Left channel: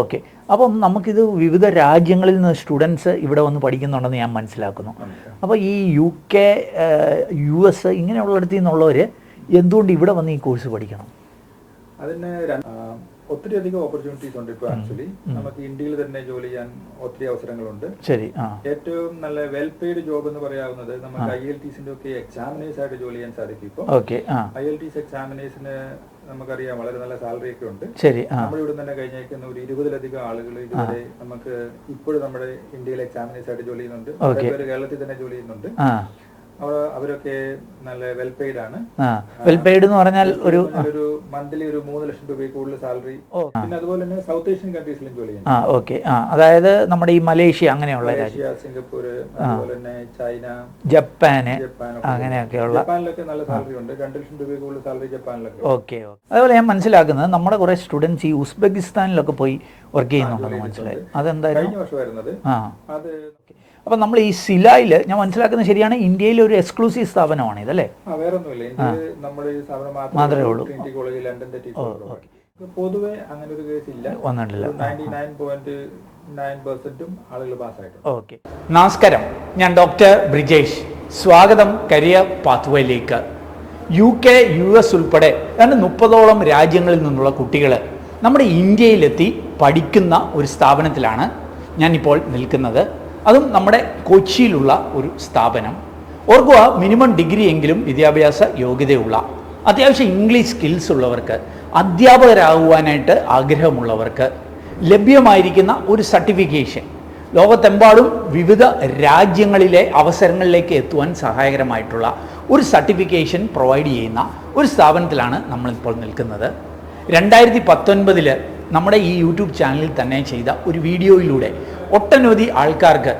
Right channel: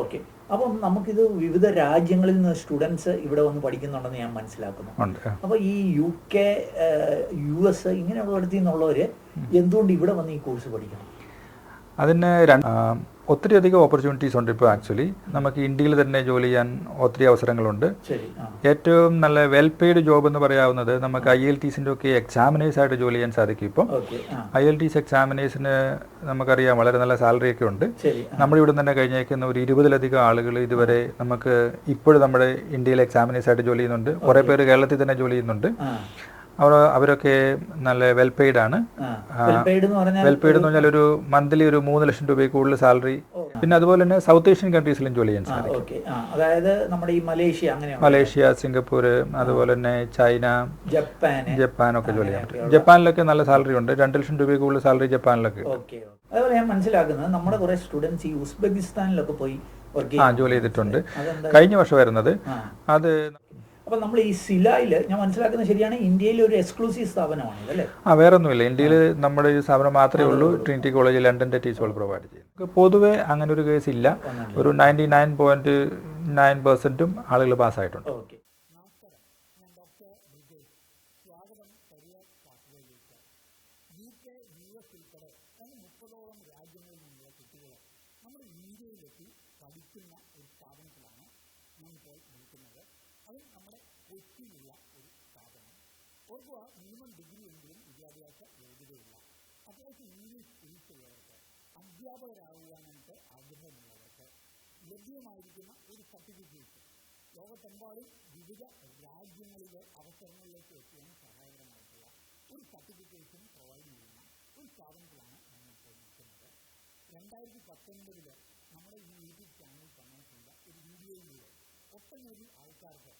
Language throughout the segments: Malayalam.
ഓക്കെ. അപ്പം നമുക്കിത് വിവിധ രാജ്യങ്ങളിൽ നിന്ന് സ്റ്റുഡൻസ് ഇവിടെ വന്ന് പഠിക്കുന്നുണ്ടെന്ന് ഞാൻ മനസ്സിലാക്കുന്നു. അപ്പോൾ ഈ UK, US ഇങ്ങനെയുള്ളിടത്തു നിന്നുള്ളവർ എന്തുകൊണ്ട് ഇവിടെ വന്ന് ഈ കോഴ്സ് പഠിക്കണം? അതിന് ഒത്തിരി അധികം ഓപ്പർച്യൂണിറ്റീസ് ഉണ്ട്. ഇപ്പോൾ ആക്ച്വലി നമുക്ക് ഇന്ത്യയിൽ തന്നെ ജോലി ചെയ്യാൻ ഒത്തിരി അവസരങ്ങളുണ്ട്. ശരി. ഏറ്റവും നല്ല വെൽ പെയ്ഡ് ജോബ് എന്ന് പറയാവുന്നത് നമുക്ക് IELTSന്റെ ഒക്കെ എക്സാമിനേഴ്സ് ആയിട്ട് ജോലി ചെയ്യാൻ സാധിക്കും. ഇപ്പോൾ IELTS എക്സാമിനേഴ്സിന് നമുക്കറിയാം വളരെ നല്ല സാലറി ഒക്കെ ഉണ്ട്. നമ്മുടെ ഇവിടെ തന്നെ കഴിഞ്ഞേക്കുന്ന ഒരു 20-ലധികം ആളുകൾ ഇതുവരെ നമുക്ക് ഇപ്പോഴും നമ്മുടെ ഇന്ത്യയിലെ എക്സാമിനേഴ്സ് ആയിട്ട് ജോലി ചെയ്യുന്നുണ്ട്. കുറെ പേര് കേരളത്തിൽ തന്നെ ജോലി ചെയ്യുന്നുണ്ട്. അവരൊക്കെ നല്ല വെൽ പെയ്ഡ് ആണ്. ഒരു മന്ത്ലി ഒരു 3 ലക്ഷം രൂപ കൂടുതൽ സാലറി. പിന്നെ അതുപോലെ തന്നെ സൗത്ത് ഏഷ്യൻ കൺട്രീസിലും ജോലി ചെയ്യാൻ. അതായത് നമ്മുടെ ഈ മലേഷ്യ, സിംഗപ്പൂർ, അതുപോലെ തന്നെ ചൈന, ജപ്പാനൊക്കെ ജപ്പാനിലൊക്കെ നല്ല സാലറി ഉണ്ട്. 2 ലക്ഷം രൂപ കൂടുതൽ സാലറി ജപ്പാനിലൊക്കെ. ഓക്കെ. അതുപോലെ ഞാൻ മനസ്സിലാക്കുന്നത് നമ്മുടെ കുറെ സ്റ്റുഡൻസ് ഈ ഉസ്ബെക്കിസ്ഥാനിലൊക്കെ പോയി ജോലി ചെയ്തിട്ടുണ്ട്. കഴിഞ്ഞ വർഷം വരുന്നത് അത്. അപ്പം നമ്മൾ ഈ സിലായിൽ ഞാൻ മനസ്സിലാക്കുന്നത് ശരിയാണ്, ഇന്ത്യയിലെ ഒരു എക്സ്ക്ലൂസീവ് സ്ഥാപനമാണ് ഇതല്ലേ? വേറെ ഒന്നുമില്ല. ഇന്ത്യയിൽ നമ്മുടെ ഈ സ്ഥാപനം മാത്രമേ ഉള്ളൂ. ട്രിനിറ്റി കോളേജ് ലണ്ടന്റെ ടീച്ചർ പ്രൊവൈഡ് ചെയ്യും. പൊതുവെ അങ്ങനെ ഒരു കേസ് ഇല്ല. ഒരു 99.9% ആളുകൾ പാസ്സായിട്ടുണ്ട്. ഓക്കെ. നമസ്കാരം, ഞാൻ ഡോക്ടർ ബ്രിജേഷ്. സ്വാഗതം കരിയർ പാത്വേയിലേക്ക്. UK, US ഉൾപ്പെടെ 30ഓളം രാജ്യങ്ങളിൽ നിന്നുള്ള കുട്ടികൾ നമ്മുടെ ഇന്ത്യയിലെത്തി പഠിക്കുന്ന ഒരു സ്ഥാപനത്തിലാണ് ഞാനിപ്പോൾ നിൽക്കുന്നത്. അതും നമ്മുടെ കൊച്ചിയിലുള്ള ഒരു സ്ഥാപനം. ഓർക്കുക, മിനിമം ഡിഗ്രി എങ്കിലും വിദ്യാഭ്യാസ യോഗ്യതയുള്ള, അത്യാവശ്യം ഇംഗ്ലീഷ് സ്കിൽസ് ഉള്ളവർക്ക്, അധ്യാപകരാകുവാനായിട്ട് ആഗ്രഹമുള്ളവർക്ക് ലഭ്യമായിരിക്കുന്ന ഒരു സർട്ടിഫിക്കേഷൻ, ലോകത്തെമ്പാടും വിവിധ രാജ്യങ്ങളിലെ അവസരങ്ങളിലേക്ക് എത്തുവാൻ സഹായകരമായിട്ടുള്ള ഒരു സർട്ടിഫിക്കേഷൻ പ്രൊവൈഡ് ചെയ്യുന്ന ഒരു സ്ഥാപനത്തിലാണ് നമ്മളിപ്പോൾ നിൽക്കുന്നത്. 2019 നമ്മുടെ ഈ യൂട്യൂബ് ചാനലിൽ തന്നെ ചെയ്ത ഒരു വീഡിയോയിലൂടെ ഒട്ടനവധി ആൾക്കാർക്ക്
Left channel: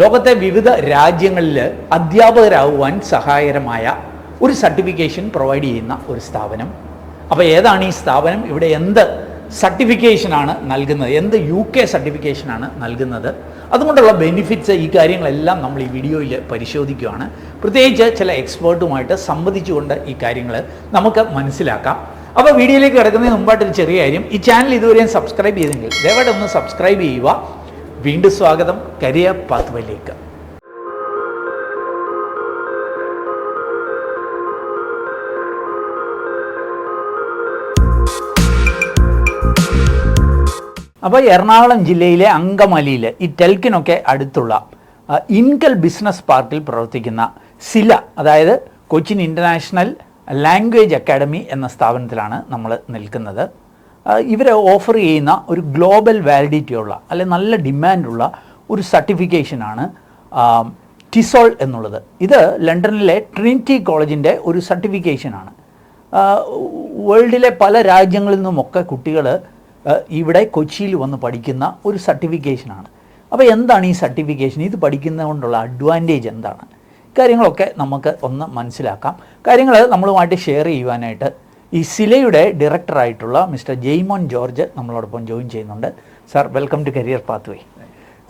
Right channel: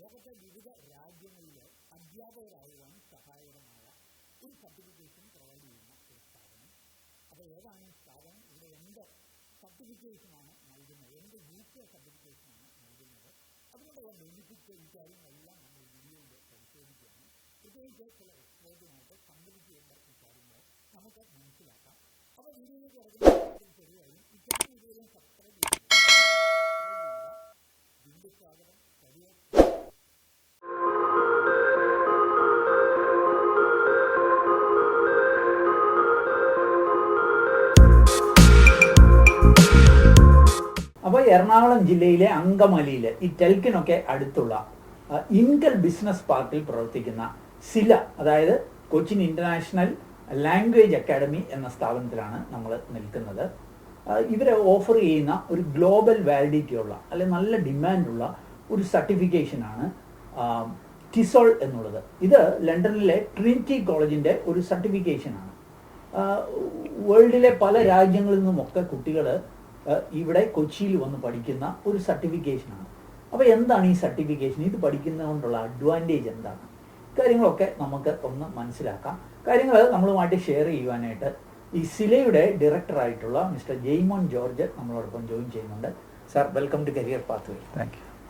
ലോകത്തെ വിവിധ രാജ്യങ്ങളിൽ അധ്യാപകരാകുവാൻ സഹായകരമായ ഒരു സർട്ടിഫിക്കേഷൻ പ്രൊവൈഡ് ചെയ്യുന്ന ഒരു സ്ഥാപനം. അപ്പോൾ ഏതാണ് ഈ സ്ഥാപനം? ഇവിടെ എന്ത് സർട്ടിഫിക്കേഷനാണ് നൽകുന്നത്? എന്ത് UK സർട്ടിഫിക്കേഷനാണ് നൽകുന്നത്? അതുകൊണ്ടുള്ള ബെനിഫിറ്റ്സ്, ഈ കാര്യങ്ങളെല്ലാം നമ്മൾ ഈ വീഡിയോയിൽ പരിശോധിക്കുകയാണ്. പ്രത്യേകിച്ച് ചില എക്സ്പേർട്ടുമായിട്ട് സംവദിച്ചുകൊണ്ട് ഈ കാര്യങ്ങൾ നമുക്ക് മനസ്സിലാക്കാം. അപ്പോൾ വീഡിയോയിലേക്ക് കിടക്കുന്നതിന് മുമ്പായിട്ടൊരു ചെറിയ കാര്യം, ഈ ചാനൽ ഇതുവരെയും സബ്സ്ക്രൈബ് ചെയ്തെങ്കിൽ ദയവായിട്ട് ഒന്ന് സബ്സ്ക്രൈബ് ചെയ്യുക. വീണ്ടും സ്വാഗതം കരിയർ പാത്വേയിലേക്ക്. അപ്പോൾ എറണാകുളം ജില്ലയിലെ അങ്കമാലിയിൽ ഈ ടെൽക്കിനൊക്കെ അടുത്തുള്ള ഇൻകൽ ബിസിനസ് പാർക്കിൽ പ്രവർത്തിക്കുന്ന സില, അതായത് കൊച്ചിൻ ഇൻ്റർനാഷണൽ ലാംഗ്വേജ് അക്കാഡമി എന്ന സ്ഥാപനത്തിലാണ് നമ്മൾ നിൽക്കുന്നത്. ഇവർ ഓഫർ ചെയ്യുന്ന ഒരു ഗ്ലോബൽ വാലിഡിറ്റിയുള്ള അല്ലെങ്കിൽ നല്ല ഡിമാൻഡുള്ള ഒരു സർട്ടിഫിക്കേഷനാണ് ടിസോൾ എന്നുള്ളത്. ഇത് ലണ്ടനിലെ ട്രിനിറ്റി കോളേജിൻ്റെ ഒരു സർട്ടിഫിക്കേഷനാണ്. വേൾഡിലെ പല രാജ്യങ്ങളിൽ നിന്നുമൊക്കെ കുട്ടികൾ ഇവിടെ കൊച്ചിയിൽ വന്ന് പഠിക്കുന്ന ഒരു സർട്ടിഫിക്കേഷനാണ്. അപ്പോൾ എന്താണ് ഈ സർട്ടിഫിക്കേഷൻ? ഇത് പഠിക്കുന്നത് കൊണ്ടുള്ള അഡ്വാൻറ്റേജ് എന്താണ്? കാര്യങ്ങളൊക്കെ നമുക്ക് ഒന്ന് മനസ്സിലാക്കാം. കാര്യങ്ങൾ നമ്മളുമായിട്ട് ഷെയർ ചെയ്യുവാനായിട്ട് ഈ സിലയുടെ ഡയറക്ടറായിട്ടുള്ള മിസ്റ്റർ ജെയ്മോൻ ജോർജ് നമ്മളോടൊപ്പം ജോയിൻ ചെയ്യുന്നുണ്ട്. Sir, welcome to career pathway.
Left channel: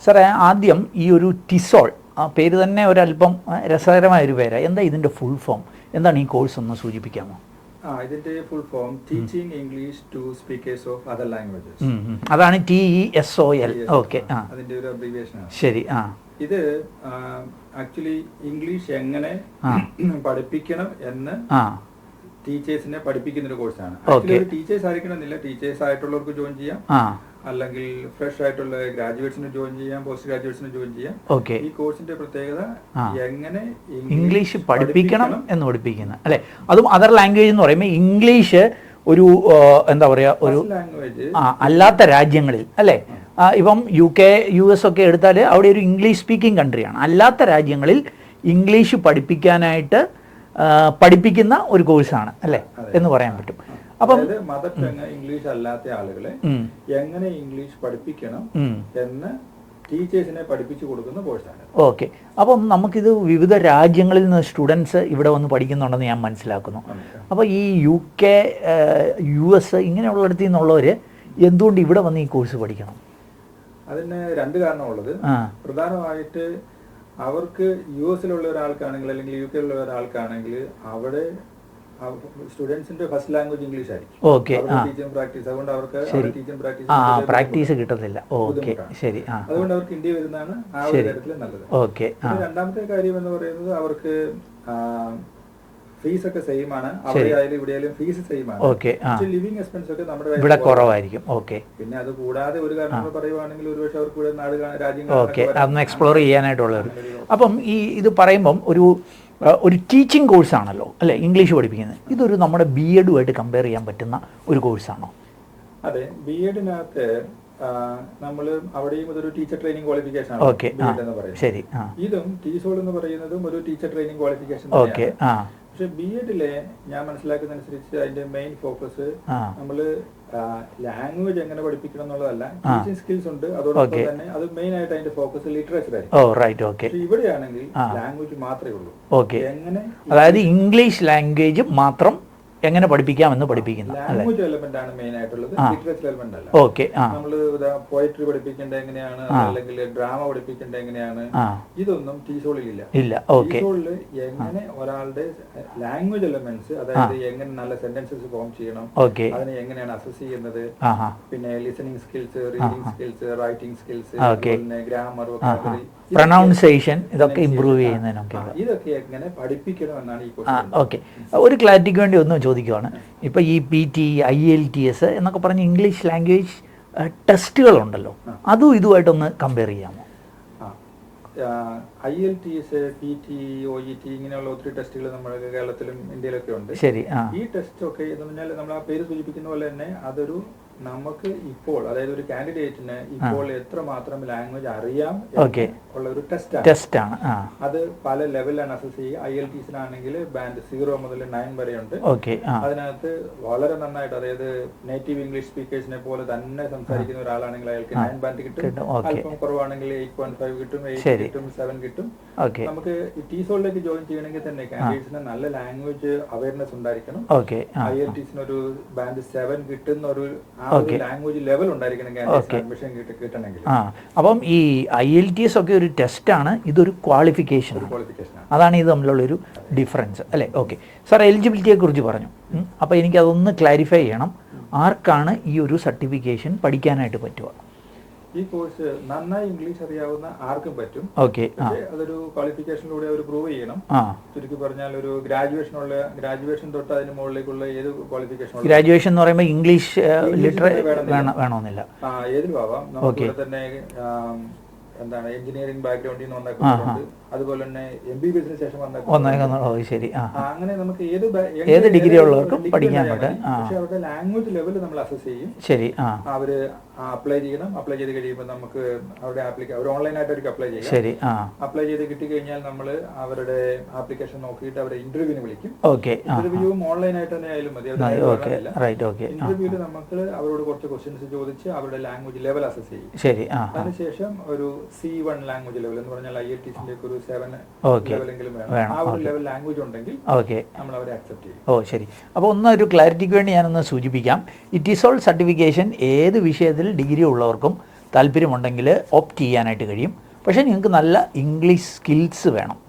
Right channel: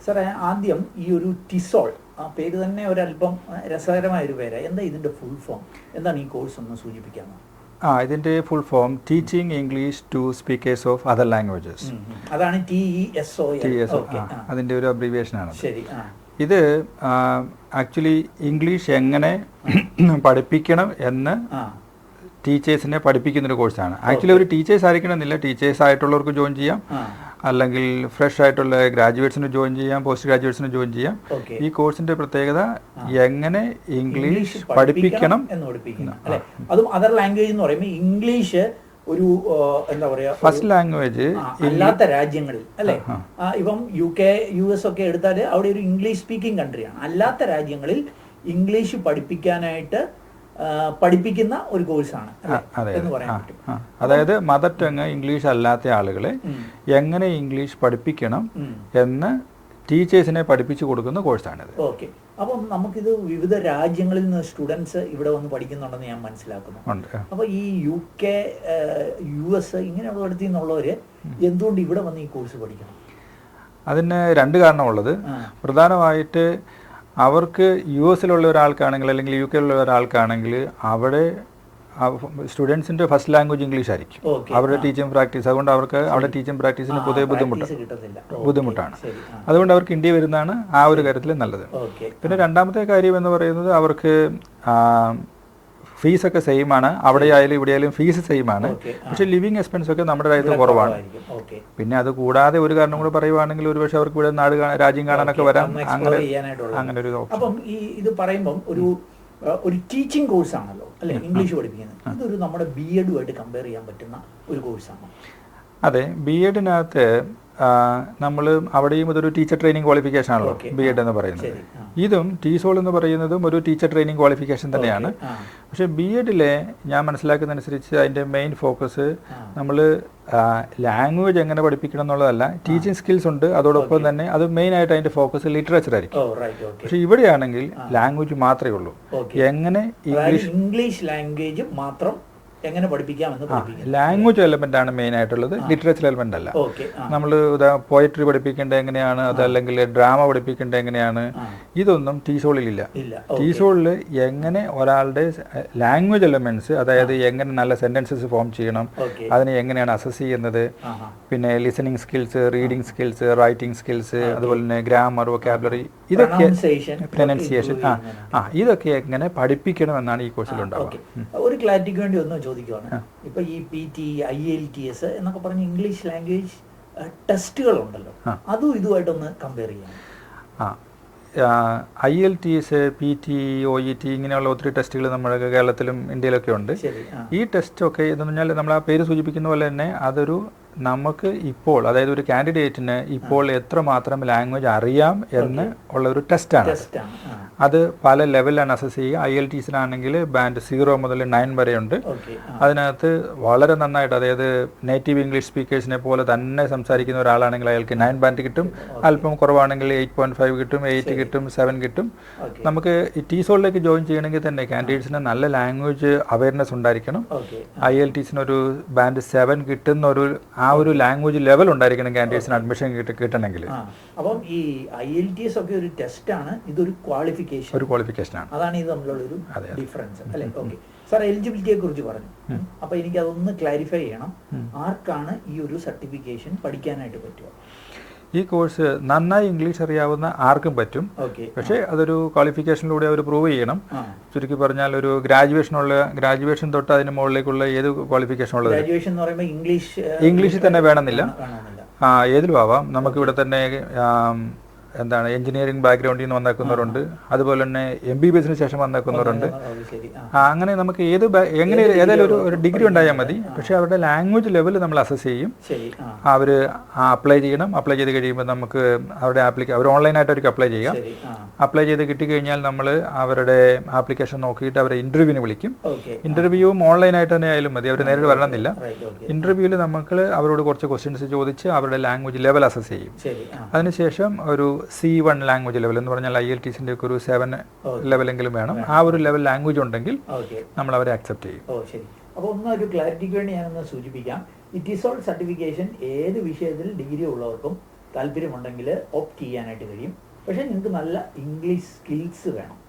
സാറേ, ആദ്യം ഈ ഒരു ടിസോൾ, ആ പേര് തന്നെ ഒരല്പം രസകരമായൊരു പേരാണ്. എന്താ ഇതിൻ്റെ ഫുൾ ഫോം? എന്താണ് ഈ കോഴ്സ് ഒന്ന് സൂചിപ്പിക്കാമോ? ഇതിൻ്റെ full form teaching English to speakers of other languages. അതാണ് TESOL. ഓക്കെ, അതിൻ്റെ ഒരു അബ്രീവിയേഷൻ ആണ്. ശരി. ഇത് ആക്ച്വലി ഇംഗ്ലീഷ് എങ്ങനെ പഠിപ്പിക്കണം എന്ന് ടീച്ചേഴ്സിനെ പഠിപ്പിക്കുന്ന ഒരു കോഴ്സാണ്. ആക്ച്വലി ഒരു ടീച്ചേഴ്സ് ആയിരിക്കണമെന്നില്ല, ടീച്ചേഴ്സ് ആയിട്ടുള്ളവർക്ക് ജോയിൻ ചെയ്യാം, അല്ലെങ്കിൽ ഫ്രഷ് ആയിട്ടുള്ള ഗ്രാജുവേറ്റ്സിന് ജോയിൻ ചെയ്യാം, പോസ്റ്റ് ഗ്രാജുവേറ്റ്സിന് ജോയിൻ ചെയ്യാം. ഈ കോഴ്സിന്റെ പ്രത്യേകത എങ്ങനെ ഇംഗ്ലീഷ് പഠിപ്പിക്കണം എന്ന് പഠിപ്പിക്കണം, അല്ലെ? അതും അതർ ലാംഗ്വേജ് എന്ന് പറയുമ്പോൾ ഇംഗ്ലീഷ് ഒരു എന്താ പറയുക, ഫസ്റ്റ് ലാംഗ്വേജ് അല്ലാത്ത രാജ്യങ്ങളിൽ, അല്ലെ? ഇപ്പം UK, US ഒക്കെ എടുത്താൽ അവിടെ ഒരു ഇംഗ്ലീഷ് സ്പീക്കിംഗ് കൺട്രിയാണ്. അല്ലാത്ത രാജ്യങ്ങളിൽ ഇംഗ്ലീഷ് പഠിപ്പിക്കുന്ന ഒരു കോഴ്സാണ്, അല്ലെ, എന്ന് പറയാൻ പറ്റും. അതായത് മദർ ടങ് ഇംഗ്ലീഷ് അല്ലാത്ത ആളുകളെ എങ്ങനെ ഇംഗ്ലീഷ് പഠിപ്പിക്കണം എന്ന് ടീച്ചേഴ്സിനെ പഠിപ്പിച്ചു കൊടുക്കുന്ന കോഴ്സാണിത്. ഓക്കെ. അപ്പം നമുക്കിത് വിവിധ രാജ്യങ്ങളിൽ നിന്ന് സ്റ്റുഡൻസ് ഇവിടെ വന്ന് പഠിക്കുന്നുണ്ടെന്ന് ഞാൻ മനസ്സിലാക്കുന്നു. അപ്പോൾ ഈ UK, US ഇങ്ങനെയുള്ളിടത്തു നിന്നുള്ളവർ എന്തുകൊണ്ട് ഇവിടെ വന്ന് ഈ കോഴ്സ് പഠിക്കണം? അതിന് 2 കാരണമുള്ളത്. പ്രധാനമായിട്ട് അവർക്ക് US ഒരാൾക്കാണെങ്കിൽ അല്ലെങ്കിൽ UK ഒരാൾക്കാണെങ്കിൽ അവിടെ സ്റ്റുഡൻസിന്റെ ഫസ്റ്റ് ലാംഗ്വേജ് ഇംഗ്ലീഷ് ആയിരിക്കും. അവരുടെ ടീച്ചിങ് പ്രാക്ടീസ്, അതുകൊണ്ട് അവർക്ക് അവിടെ ടീച്ചിങ് പ്രാക്ടീസ് ബുദ്ധിമുട്ടാണ്. അതുകൊണ്ട് അവർക്ക് ഇന്ത്യ വരുന്നതാണ് ആ ഒരു കാര്യത്തിൽ നല്ലത്. പിന്നെ രണ്ടാമത്തെ കാര്യം എന്ന് പറയുന്നത് അവർക്ക് ഫീസ് ഒക്കെ സെയിം ആണ്. അവിടെ ആയാലും ഇവിടെ ആയാലും ഫീസ് സെയിം ആണ്. പക്ഷെ ലിവിംഗ് എക്സ്പെൻസ് ഒക്കെ നമ്മുടെ കുറവായിരിക്കും. പിന്നെ അത് കൂടാതെ ഒരു കാരണം കൂടെ പറയുവാണെങ്കിൽ ഒരുപക്ഷെ അവർക്ക് ഇവിടെ രാജ്യം കാണാനൊക്കെ വരാൻ എക്സ്പ്ലോർ ചെയ്യാനായിട്ടുള്ളത്. അപ്പം ഈ ഇത് പറയുമ്പം ഒരു ടീച്ചിങ് കോഴ്സാണല്ലോ അല്ലെ ഇംഗ്ലീഷ് പഠിപ്പിക്കുന്നത്. ഇതൊരു നമ്മുടെ BEd-ഉമായിട്ട് കമ്പയർ ചെയ്യാൻ പറ്റുന്ന ഒരു കോഴ്സാണോ? അതെ, BEd-നകത്ത് നമ്മൾ അവിടെയും ഇതൊരു ടീച്ചർ ട്രെയിനിങ് ക്വാളിഫിക്കേഷൻ ആണ് BEd എന്ന് പറയുന്നത്. ഇതും TESOL എന്ന് പറയുന്നതും ഒരു ടീച്ചർ ട്രെയിനിങ് ക്വാളിഫിക്കേഷൻ തന്നെയാണ്. പക്ഷെ BEd-ലെ ഞാൻ മനസ്സിലാക്കുന്നതനുസരിച്ച് അതിന്റെ മെയിൻ ഫോക്കസ് നമ്മൾ ലാംഗ്വേജ് എങ്ങനെ പഠിപ്പിക്കണം എന്നുള്ളതല്ല, ടീച്ചിങ് സ്കിൽസ് ഉണ്ട്. അതോടൊപ്പം തന്നെ അത് മെയിൻ ആയിട്ട് അതിന്റെ ഫോക്കസ് ലിറ്ററേച്ചർ ആയിരിക്കും. പക്ഷെ ഇവിടെയാണെങ്കിൽ ലാംഗ്വേജ് മാത്രമേ ഉള്ളൂ. എങ്ങനെ ഇംഗ്ലീഷ് ലാംഗ്വേജ് മാത്രം എങ്ങനെ പഠിപ്പിക്കാമെന്ന് പഠിപ്പിക്കുന്നത്. ലാംഗ്വേജ് എലമെന്റ് ആണ് മെയിൻ ആയിട്ടുള്ളത്, ലിറ്ററേച്ചർ എലമെന്റ് അല്ല. നമ്മൾ പോയട്രി പഠിപ്പിക്കേണ്ടത് എങ്ങനെയാണ്, അതല്ലെങ്കിൽ ഡ്രാമ പഠിപ്പിക്കേണ്ടത് എങ്ങനെയാണ്, ഇതൊന്നും TESOL-ലില്ല. TESOL-ല് എങ്ങനെ ഒരാളുടെ ലാംഗ്വേജ് എലമെന്റ്സ്, അതായത് എങ്ങനെ നല്ല സെന്റൻസസ് ഫോം ചെയ്യണം, അതിനെ എങ്ങനെയാണ് അസസ് ചെയ്യുന്നത്, പിന്നെ listening skills, reading skills, writing skills, അതുപോലെ തന്നെ ഗ്രാമർ, വൊക്കാബുലറി, ഇതൊക്കെ എങ്ങനെ പഠിപ്പിക്കണം എന്നാണ് ഈ കോഴ്സിൽ. ഒരു ക്ലാരിറ്റിക്ക് വേണ്ടി ഒന്ന് ചോദിക്കുവാണ്. ഇപ്പൊ ഈ PT, IELTS എന്നൊക്കെ പറഞ്ഞ ഇംഗ്ലീഷ് ലാംഗ്വേജ് ടെസ്റ്റുകളുണ്ടല്ലോ, അതും ഇതുമായിട്ടൊന്ന് കമ്പയർ ചെയ്യാം. IELTS, PT, OET ഇങ്ങനെയുള്ള ഒത്തിരി ടെസ്റ്റുകൾ നമ്മുടെ കേരളത്തിലും ഇന്ത്യയിലൊക്കെ ഉണ്ട്. ഈ ടെസ്റ്റ് ഒക്കെ ഇതെന്ന് പറഞ്ഞാൽ നമ്മൾ ആ പേര് സൂചിപ്പിക്കുന്ന പോലെ തന്നെ അതൊരു നമുക്ക് ഇപ്പോൾ, അതായത് ഒരു കാൻഡിഡേറ്റിന് ഇപ്പോൾ എത്രമാത്രം ലാംഗ്വേജ് അറിയാം എന്ന് ഉള്ള ഒരു ടെസ്റ്റാണ്. അത് പല ലെവലിലാണ് അസസ് ചെയ്യുക. IELTS-ലാണെങ്കിൽ ബാൻഡ് 0 മുതൽ 9 വരെ ഉണ്ട്. അതിനകത്ത് വളരെ നന്നായിട്ട്, അതായത് നേറ്റീവ് ഇംഗ്ലീഷ് സ്പീക്കേഴ്സിനെ പോലെ തന്നെ സംസാരിക്കുന്ന ഒരാളാണെങ്കിൽ അയാൾക്ക് 9 ബാൻഡ് കിട്ടും. അല്പം കുറവാണെങ്കിൽ 8.5 കിട്ടും, 8 കിട്ടും, 7 കിട്ടും. നമുക്ക് ഈ TESOL-ലേക്ക് ജോയിൻ ചെയ്യണമെങ്കിൽ തന്നെ കാൻഡിഡേറ്റ്സിന് നല്ല ലാംഗ്വേജ് അവയർനെസ് ഉണ്ടായിരിക്കണം. IELTS-ന് ഒരു ബാൻഡ് 7 കിട്ടുന്ന ആ ഒരു ലാംഗ്വേജ് ലെവൽ ഉണ്ടായിരിക്കണം കാൻഡിഡേറ്റ്സിന് അഡ്മിഷൻ കിട്ടണമെങ്കിൽ. അപ്പം ഈ IELTS ഒക്കെ ഒരു ടെസ്റ്റാണ്, ഇതൊരു ക്വാളിഫിക്കേഷൻ, അതാണ് ഇത് തമ്മിലുള്ള ഒരു ഡിഫറൻസ് അല്ലേ? ഓക്കെ സാർ, എലിജിബിലിറ്റിയെ കുറിച്ച് പറഞ്ഞു. അപ്പൊ എനിക്ക് അതൊന്ന് ക്ലാരിഫൈ ചെയ്യണം. ആർക്കാണ് ഈ ഒരു സർട്ടിഫിക്കേഷൻ പഠിക്കാനായിട്ട് പറ്റുക? ഈ കോഴ്സ് നന്നായി ഇംഗ്ലീഷ് അറിയാവുന്ന ആർക്കും പറ്റും. പക്ഷേ അതൊരു ക്വാളിഫിക്കേഷനിലൂടെ അവർ പ്രൂവ് ചെയ്യണം. ചുരുക്കി പറഞ്ഞാൽ ഒരു ഗ്രാജുവേഷൻ തൊട്ട് അതിന് മുകളിലേക്കുള്ള ഏത് ക്വാളിഫിക്കേഷൻ ഉള്ള ഗ്രാജുവേഷൻ എന്ന് പറയുമ്പോൾ ഇംഗ്ലീഷ് തന്നെ വേണമെന്നില്ല, ഏതിലും ആവാം. നമുക്ക് ഇവിടെ തന്നെ എന്താണ് എഞ്ചിനീയറിംഗ് ബാക്ക്ഗ്രൗണ്ടിൽ നിന്ന് വന്നേക്കുന്നവരുണ്ട്, അതുപോലെ തന്നെ MBBS-ന് ശേഷം വന്നേക്കുന്നവരുണ്ട്. അങ്ങനെ നമുക്ക് ഒരു ഡിഗ്രി ഉണ്ടായാൽ മതി. പക്ഷെ അവരുടെ ലാംഗ്വേജ് ലെവൽ നമ്മൾ അസസ് ചെയ്യും. അവര് അപ്ലൈ ചെയ്യണം. അപ്ലൈ ചെയ്ത് കഴിയുമ്പോൾ നമുക്ക് അവരുടെ അവർ ഓൺലൈനായിട്ട് അവർക്ക് അപ്ലൈ ചെയ്യാം. അപ്ലൈ ചെയ്ത് കിട്ടിക്കഴിഞ്ഞാൽ നമ്മൾ അവരുടെ ആപ്ലിക്കേഷൻ നോക്കിയിട്ട് അവരെ ഇന്റർവ്യൂവിന് വിളിക്കും. ഇന്റർവ്യൂവും ഓൺലൈനായിട്ട് തന്നെ ആയാലും മതി, അവർ നേരിട്ട് വരണമെന്നില്ല. ഇന്റർവ്യൂവിൽ നമുക്ക് അവരോട് കുറച്ച് ക്വസ്റ്റ്യൻസ് ചോദിച്ച് അവരുടെ ലാംഗ്വേജ് ലെവൽ അസസ് ചെയ്യും. അതിനുശേഷം ഒരു C1 ലാംഗ്വേജ് ലെവൽ എന്ന് പറഞ്ഞാൽ IELTS-ന്റെ ഒരു 7 ലെവലെങ്കിലും വേണം. ആ ഒരു ലെവൽ ലാംഗ്വേജ് ഉണ്ടെങ്കിൽ നമ്മൾ അവരെ അക്സെപ്റ്റ് ചെയ്യും. ശരി. അപ്പോൾ ഒരു ക്ലാരിറ്റിക്ക് വേണ്ടി ഞാനൊന്ന് സൂചിപ്പിക്കാം. ഈ TESOL സർട്ടിഫിക്കേഷൻ ഏത് വിഷയത്തിൽ ഡിഗ്രി ഉള്ളവർക്കും താല്പര്യമുണ്ടെങ്കിൽ ഓപ്റ്റ് ചെയ്യാനായിട്ട് കഴിയും. പക്ഷേ നിങ്ങൾക്ക് നല്ല ഇംഗ്ലീഷ് സ്കിൽസ് വേണം.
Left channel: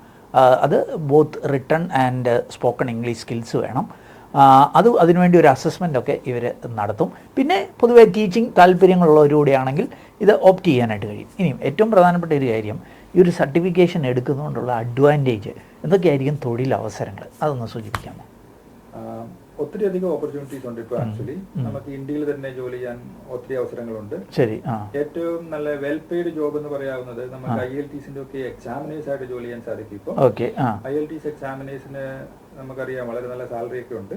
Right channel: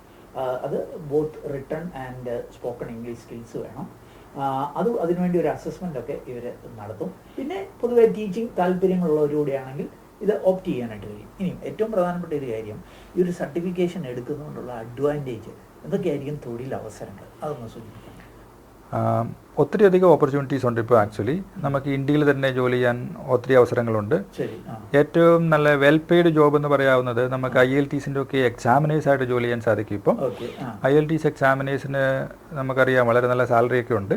അത് both written and spoken English skills വേണം. അതിനുവേണ്ടി ഒരു അസസ്മെൻ്റ് ഒക്കെ ഇവർ നടത്തും. പിന്നെ പൊതുവെ ടീച്ചിങ് താല്പര്യങ്ങളുള്ളവരൂടെയാണെങ്കിൽ ഇത് ഓപ്റ്റ് ചെയ്യാനായിട്ട് കഴിയും. ഇനിയും ഏറ്റവും പ്രധാനപ്പെട്ട ഒരു കാര്യം, ഈ ഒരു സർട്ടിഫിക്കേഷൻ എടുക്കുന്നതുകൊണ്ടുള്ള അഡ്വാൻറ്റേജ് എന്തൊക്കെയായിരിക്കും തൊഴിലവസരങ്ങൾ, അതൊന്ന് സൂചിപ്പിക്കാം. ഒത്തിരി അധികം ഓപ്പർച്യൂണിറ്റീസ് ഉണ്ട്. ഇപ്പോൾ ആക്ച്വലി നമുക്ക് ഇന്ത്യയിൽ തന്നെ ജോലി ചെയ്യാൻ ഒത്തിരി അവസരങ്ങളുണ്ട്. ഏറ്റവും നല്ല വെൽ പെയ്ഡ് ജോബ് എന്ന് പറയാവുന്നത് നമുക്ക് IELTS-ന്റെ ഒക്കെ എക്സാമിനേഴ്സ് ആയിട്ട് ജോലി ചെയ്യാൻ സാധിക്കും. ഇപ്പം IELTS എക്സാമിനേഴ്സിന് നമുക്കറിയാം വളരെ നല്ല സാലറി ഒക്കെ ഉണ്ട്.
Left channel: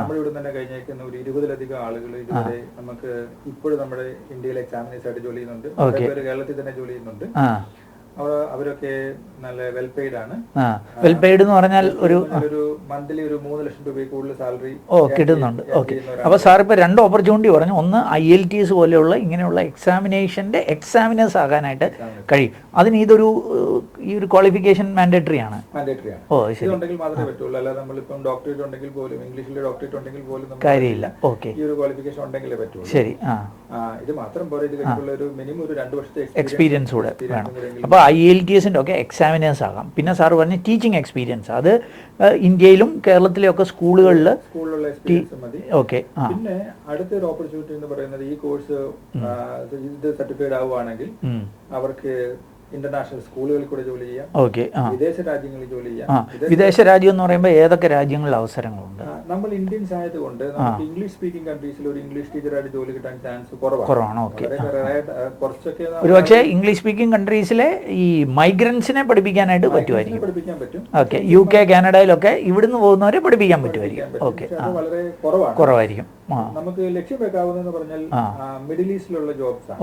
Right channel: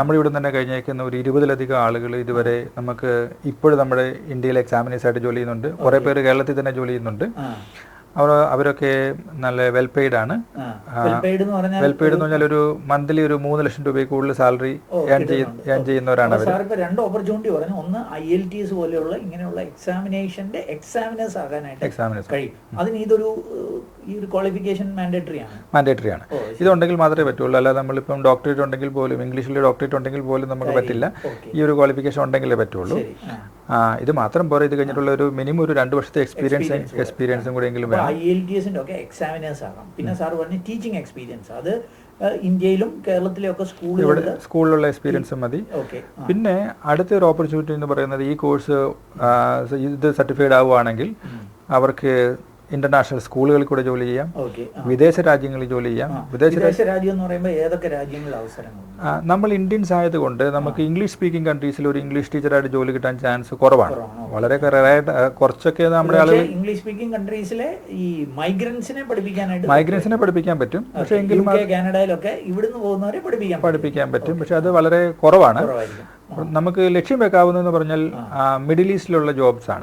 നമ്മളിവിടെ തന്നെ കഴിഞ്ഞേക്കുന്ന ഒരു 20-ലധികം ആളുകൾ ഇതുവരെ നമുക്ക് ഇപ്പോഴും നമ്മുടെ ഇന്ത്യയിലെ എക്സാമിനേഴ്സ് ആയിട്ട് ജോലി ചെയ്യുന്നുണ്ട്. കുറെ പേര് കേരളത്തിൽ തന്നെ ജോലി ചെയ്യുന്നുണ്ട്. അവരൊക്കെ നല്ല വെൽ പെയ്ഡ് ആണ്. ഒരു മന്ത്ലി ഒരു 3 ലക്ഷം രൂപ കൂടുതൽ സാലറി ചെയ്യുന്നവരാണ്. അപ്പൊ സാർ ഇപ്പൊ 2 ഓപ്പർച്യൂണിറ്റി പറഞ്ഞു. ഒന്ന് IELTS പോലെയുള്ള ഇങ്ങനെയുള്ള എക്സാമിനേഷന്റെ എക്സാമിനേഴ്സ് ആകാനായിട്ട് കഴിയും. അതിന് ഈ ഒരു ക്വാളിഫിക്കേഷൻ മാൻഡേറ്ററി ആണ്. ഇതുണ്ടെങ്കിൽ മാത്രമേ പറ്റുള്ളൂ. അല്ലാതെ നമ്മളിപ്പം ഡോക്ടറേറ്റ് ഉണ്ടെങ്കിൽ പോലും, ഇംഗ്ലീഷിൽ ഡോക്ടറേറ്റ് ഉണ്ടെങ്കിൽ പോലും നമുക്ക് പറ്റില്ല. ഈ ഒരു ക്വാളിഫിക്കേഷൻ ഉണ്ടെങ്കിലേ പറ്റുള്ളൂ. ഇത് മാത്രം പോരാ. ഇത് കഴിഞ്ഞിട്ടുള്ള ഒരു മിനിമം ഒരു 2 വർഷത്തെ എക്സ്പീരിയൻസും കൂടെ IELTS ഒക്കെ എക്സാമിനേഴ്സ് ആകാം. പിന്നെ സാർ പറഞ്ഞ ടീച്ചിങ് എക്സ്പീരിയൻസ്, അത് ഇന്ത്യയിലും കേരളത്തിലെയൊക്കെ സ്കൂളിലുള്ള എക്സ്പീരിയൻസ് മതി. ഓക്കെ. പിന്നെ അടുത്തൊരു ഓപ്പർച്യൂണിറ്റി എന്ന് പറയുന്നത് ഈ കോഴ്സ് ഇത് സർട്ടിഫൈഡ് ആവുകയാണെങ്കിൽ അവർക്ക് ഇന്റർനാഷണൽ സ്കൂളുകളിൽ കൂടെ ജോലി ചെയ്യാം. വിദേശ രാജ്യങ്ങളിൽ ജോലി ചെയ്യാം. വിദേശ രാജ്യം എന്ന് പറയുമ്പോൾ ഏതൊക്കെ രാജ്യങ്ങളിൽ അവസരങ്ങളുണ്ട്? നമ്മൾ ഇന്ത്യൻസ് ആയതുകൊണ്ട് നമുക്ക് ഇംഗ്ലീഷ് സ്പീക്കിംഗ് കൺട്രീസിൽ ഒരു ഇംഗ്ലീഷ് ടീച്ചറായിട്ട് ജോലി കിട്ടാൻ ചാൻസ് കുറവാണ്. വളരെ കുറച്ചൊക്കെ ഇംഗ്ലീഷ് സ്പീക്കിംഗ് കൺട്രീസിലെ ഈ മൈഗ്രൻസിനെ പഠിപ്പിക്കാൻ പറ്റും. UK, കാനഡയിലൊക്കെ ഇവിടുന്ന് പോകുന്നവരെ പഠിപ്പിക്കാൻ പറ്റും. പക്ഷെ അത് വളരെ കുറവായിരിക്കും. നമുക്ക് ലക്ഷ്യം വെക്കാവുന്നതെന്ന് പറഞ്ഞാൽ മിഡിൽ ഈസ്റ്റിലുള്ള ജോബ്സ് ആണ്.